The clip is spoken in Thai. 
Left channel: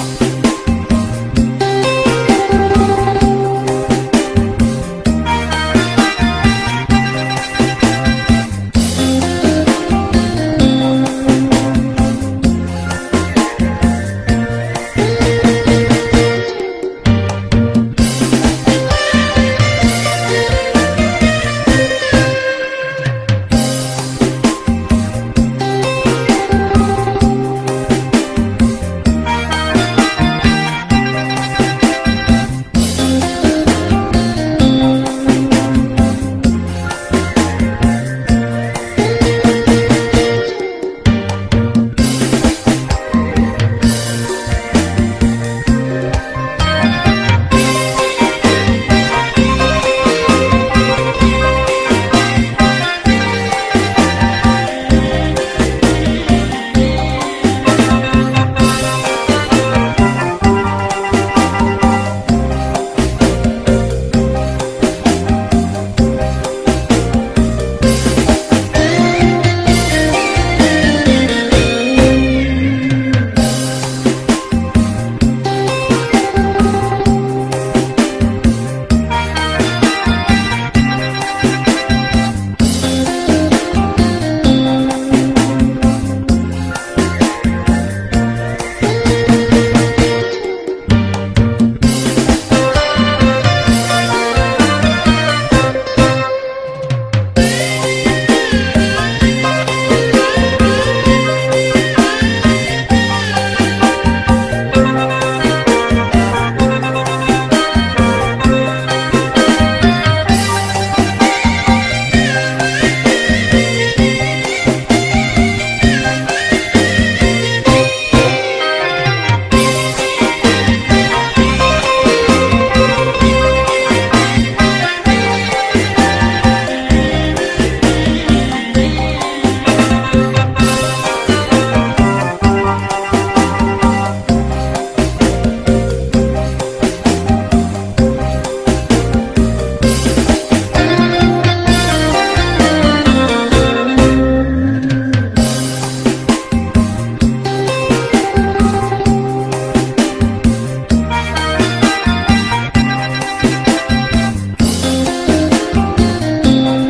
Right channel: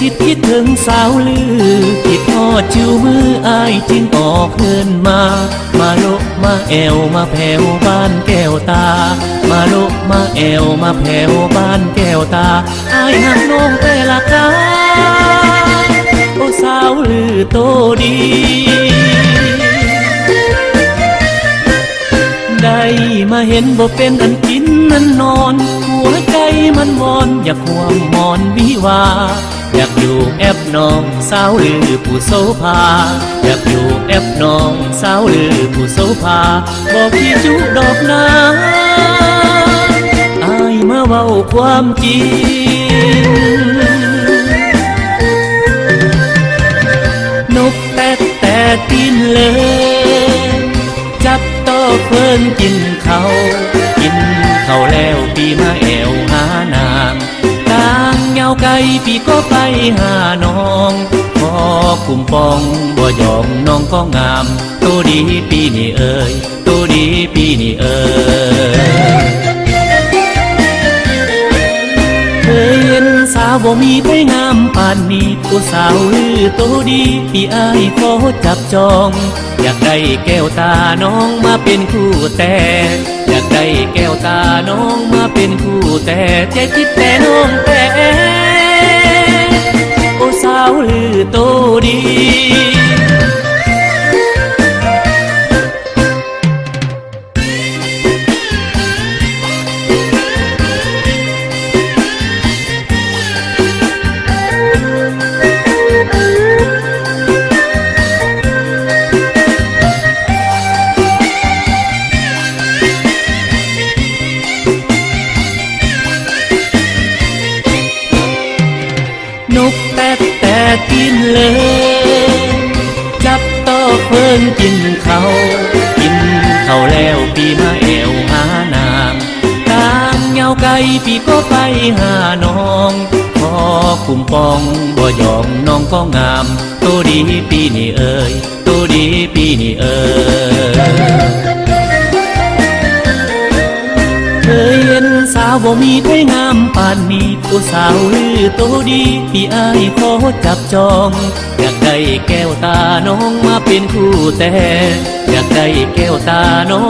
คิดถึงสาวลือคิดทอดชิวมืออายจึงออกเดินมาลกมาแอวมาแผ่วบ้านแก้วตามาลกมาแอวมาแผ่วบ้านแก้วตาอายหักน้องแต่ละกาโอ้สาวลือโตดีได้มาเห็นบ่เป็นอันกินนั่นนอนหัวใจมันวอนอยากห่วงมอนวิวาอยากอยู่แอบน้องสาวลือผู้โสภาอยากอยู่แอบน้องสาวลือผู้โสภาบอกพี่จุดอกนาอายมาเว้าความจริงนกแตกแต่กินเลยจับต่อเพิ่นกินเขาแล้วปีมาแอวหานางกลางเงาไก่ปีก็ไปหาน้องพอคุ้มปองบ่ยองน้องก็งามตัวดีปีนี่เอ่ยตัวดีปีนี่เอ่ยเคยเห็นสาวบ่มีใครงามปานนี้ตัวสาวลือตัวดีปีอ้ายขอจับจองอยากได้แก้วตาน้องมาเป็นคู่แต่อยากได้แก้วตาน้องมาเป็นคู่แต่ใจคิดแต่น้องแต่โอ้สาวลือโตดีมีใครงามปานนี้ตัวสาวลือตัวดีพี่อ้ายขอจับจองอยากได้แก้วตาน้องมาเป็นคู่แต่อยากได้แก้วตาน้อง